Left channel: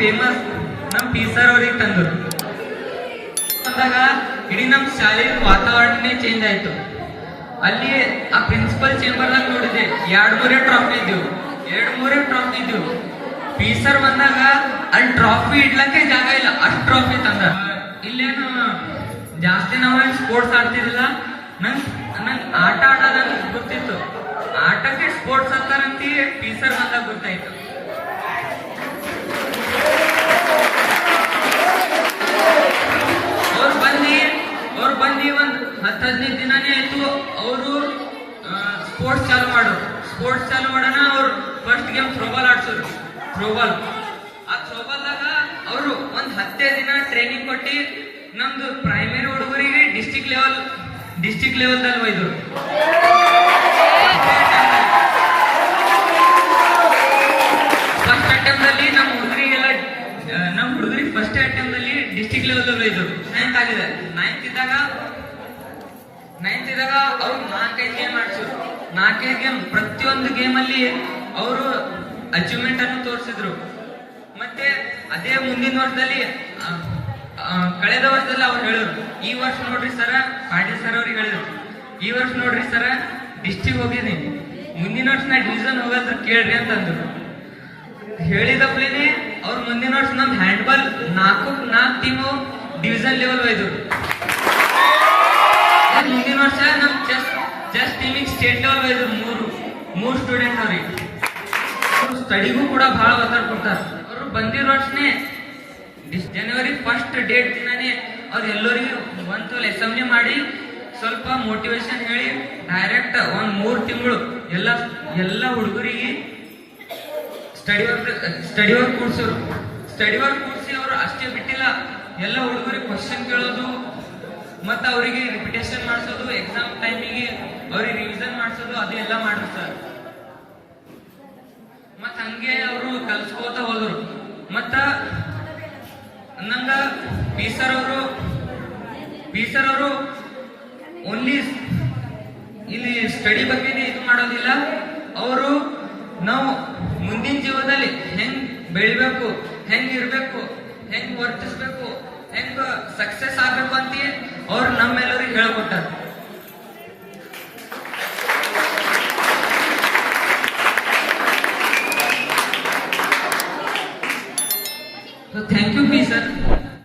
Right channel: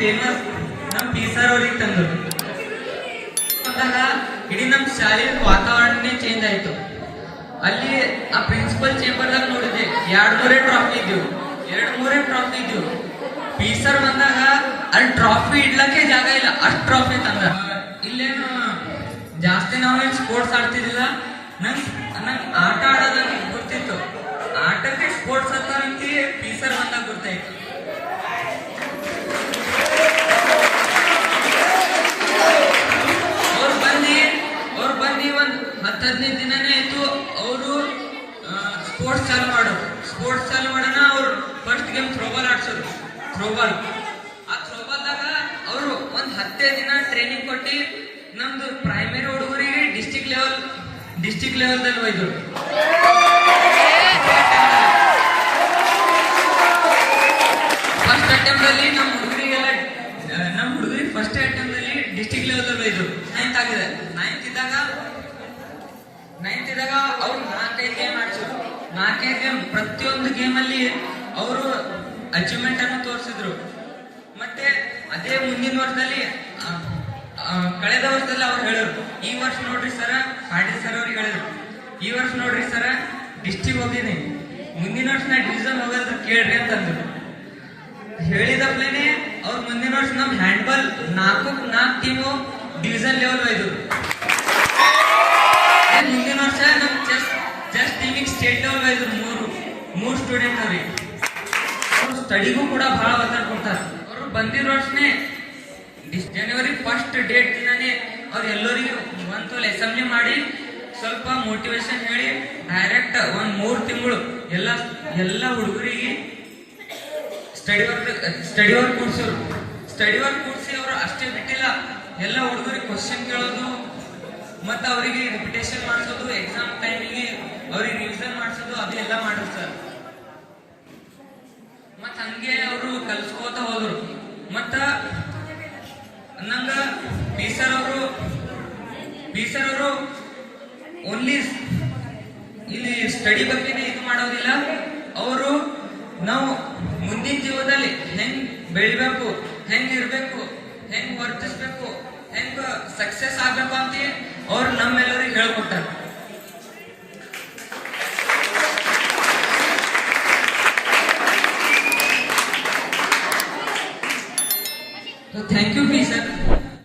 Famous ನಮ್ P sir ಅವ್ರಿಗೆ ತಂದ್ರು. ಅಂದಾಗ ಇಡೀ ನಮ್ ಶಾಲೆಯ ವಾತಾವರಣನೇ ಚೇಂಜ್ ಆಯ್ತು. ಅಲ್ಲಿ ಆ ಪ್ರಿನ್ಸಿಪಲ್ ಚೇಂಬರ್ ಅಲ್ಲಿ ನೋಡಿದೆ, ಎರಡ್ ಮೂರೇ ಟ್ರಾಫಿ ಇದ್ವು. ಪಿ ಸರ್ ಬಂದಾಗ ಅಲ್ಲಿ ಟ್ರಾಫಿ ಇಡ್ಲಕ್ಕೆ ಜಾಗ ಇಲ್ಲ, ಅಷ್ಟ್ ಟ್ರಾಫಿ ತಂದ. ಇಲ್ಲೇನು ಜಾಸ್ತಿ ನಾವೇನ್ ಸ್ಪೋರ್ಟ್ಸ್ ಆಡ್ತಿರ್ಲಿಲ್ಲ. ನಂಗ್ ಆಟ ಆಡೋದ ಗೊತ್ತಿತ್ತು, ಆಟಕ್ಕೆ ಸ್ಪೋರ್ಟ್ಸ್ ಅಂತಾರಂತ ಪಿ ಸರ್ ಬಂದಾಗ ಗೊತ್ತಾಯ್ತು. ಅವ್ರು ಬಂದು ಒಂದ್ 10-15 ದಿನನೇ ಆಯ್ತು. ಅವರು ಸ್ಪೋರ್ಟ್ಸ್ ಚಾಲು ಮಾಡೋಣ. ಅವ್ರು ಫಸ್ಟ್ ಗೇಮ್ ಥ್ರೋಬಾಲ್ ಆಡ್ಸೋರು. ಆ ಥ್ರೋಬಾಲ್ದಾಗ ಅವರು ಒಂದ್ 10 ದಿನ ಟ್ರೈನಿಂಗ್ ಕೊಟ್ಟು ನಮ್ದು ಪ್ರೈಮರಿ ಹುಡುಗರಿಗೆ ಡಿಸ್ಟಿಕ್ ಲೆವೆಲ್ದಲ್ಲಿ ಒಯ್ದು. ಫಸ್ಟ್ ಅಟೆಂಪ್ಟ್ ಅಲ್ಲಿ ನಮ್ಮ ಹುಡುಗರಿಗೆ ಫಸ್ಟ್ ಅಟೆಂಪ್ಟ್ ಅಲ್ಲಿ ಡಿಸ್ಟಿಕ್ ಲೆವೆಲ್ ಒಯ್ದು. ನೈನ್ತ್ ಇದ್ದಾಗ ಅವ್ರು 4-5 ಗೇಮ್ ಆಡ್ಸಿದ್ರು. 4-5 ಗೇಮ್, ಪ್ರತಿಯೊಂದು ಗೇಮ್ ಅಲ್ಲಿ ಅವರು ಅಚೀವ್ಮೆಂಟ್ ಅನ್ನು ತೋರಿಸಿದ್ರು. ಮತ್ತೆ ಅದೇ ಮುಂದಿನ ವರ್ಷದಲ್ಲಿ ಕಳೆದ ವರ್ಷದಲ್ಲಿ ಅವ್ರು ಹೇಳಿದ್ರು, ಈ ವರ್ಷ ನೋಡ್ರಿ ಸರ, ಪಾಟೀಲ್ ಸರ್ ಅವ್ರಿಗೆ ಹೇಳಿದ್ರು, ಈ ವರ್ಷ ನೋಡ್ರಿ ಸರ ಡಿಸ್ಟಿಕ್ ಹೋಗಿದ್ದೀನಿ, ಮುಂದಿನ ವರ್ಷ ನಾ ಡಿವಿಷನ್ ಹೋಗಲ್ರಿ ಕೇಳ್ರಿ ಅಂತಂದ್ರು. ಹೇಳಿದಪ್ಲೇನೆ ಅವ್ರು ಮುಂದಿನ ವರ್ಷ ನಮ್ ಹ್ಯಾಂಡ್ಬಾಲ್ 4 ಟೀಮು ಡಿವಿಷನ್ ಲೆವೆಲ್ ಒಯ್ದ್ರು. ಮುಂದಿನ ವರ್ಷ ನಮ್ ಚೆಸ್ ಟೀಮಿಗೆ ಸ್ಟೇಟ್ ಲೆವೆಲ್ ಒಯ್ದ್ರು. ಮೂರು ಸ್ಟೂಡೆಂಟ್ ಅವ್ರಿಗೆ. ಸ್ಟಡಿಗೂ ಕೂಡ ಬಹಳ ಒತ್ತಡ ಕೊಡ್ತಾರೆ. ಅವರು ಬಂದಿರೋ ವರ್ಷನೇ ಜನವರಿ 1st ಡೇಟ್ ದಿನಾನೇ ಅವ್ರು ಎಲ್ಲರಿಗೂ ಒಂದು ಅಸೆಂಬ್ಲಿ ಮಾಡಿ ಸ್ವಲ್ಪ ಮೋಟಿವೇಶನ್ ಹೇಳಿ ಡೈರೆಕ್ಟ್ ಒಂದ್ 3 ತಿಂಗಳು ಎಲ್ಲ ಹುಡುಗರಿಗೆ ಸ್ಟಡಿ ವರ್ಕ್ ಕೂರಿಸಿ ಅವರು ಅಷ್ಟೇ ಬಿಟ್ಟಿಲ್ಲ, ಎಲ್ಲ ಹುಡುಗರಿಗೆ ಕ್ವಶನ್ ಕೇಳೋದು, ಮತ್ತೆ ಅವರಿಗೆ ರಿಪಿಟೇಷನ್ ಮಾಡಿಸೋದು, ಎಕ್ಸಾಮ್ ಟೈಮಿಗೆ ಅವ್ರಿಗೆ ರಿವಿಷನ್ ಮಾಡಿಸೋದು, ಅದೆಲ್ಲ ಮಾಡಿದ್ರು ಸರ್. ಮತ್ತ ಹಂಗೆ ಅವರು ಕಲ್ಸ್ಕೋತ ಹೋದ್ರು. ಮತ್ತ ನಂಗ ಪಿ ಸರ್ ಅವರು ಓನ್ಲಿ ಇಲ್ಲಿ ಸ್ಟಡಿ ಬಗ್ಗೆನೇ ಇದು ಮಾಡೋದಿಲ್ಲ. ಅವರು ನಾವು ಮುಂದಿನ ಜೀವನದಲ್ಲಿ ಹೆಂಗ್ ಬೆಳಿಬೇಕು, ಹೆಂಗ್ ಇರ್ಬೇಕು, ಹೆಂಗ್ ವರ್ತಿಸ್ಬೇಕು, ಹೆಂಗ್ ಸಕ್ಸಸ್ ಆಗ್ಬೇಕು ಅಂತ ಅವ್ರು ನಮ್ಮೆಲ್ಲರಿಗೆ ಹೇಳ್ಕೊಟ್ಟಾರ.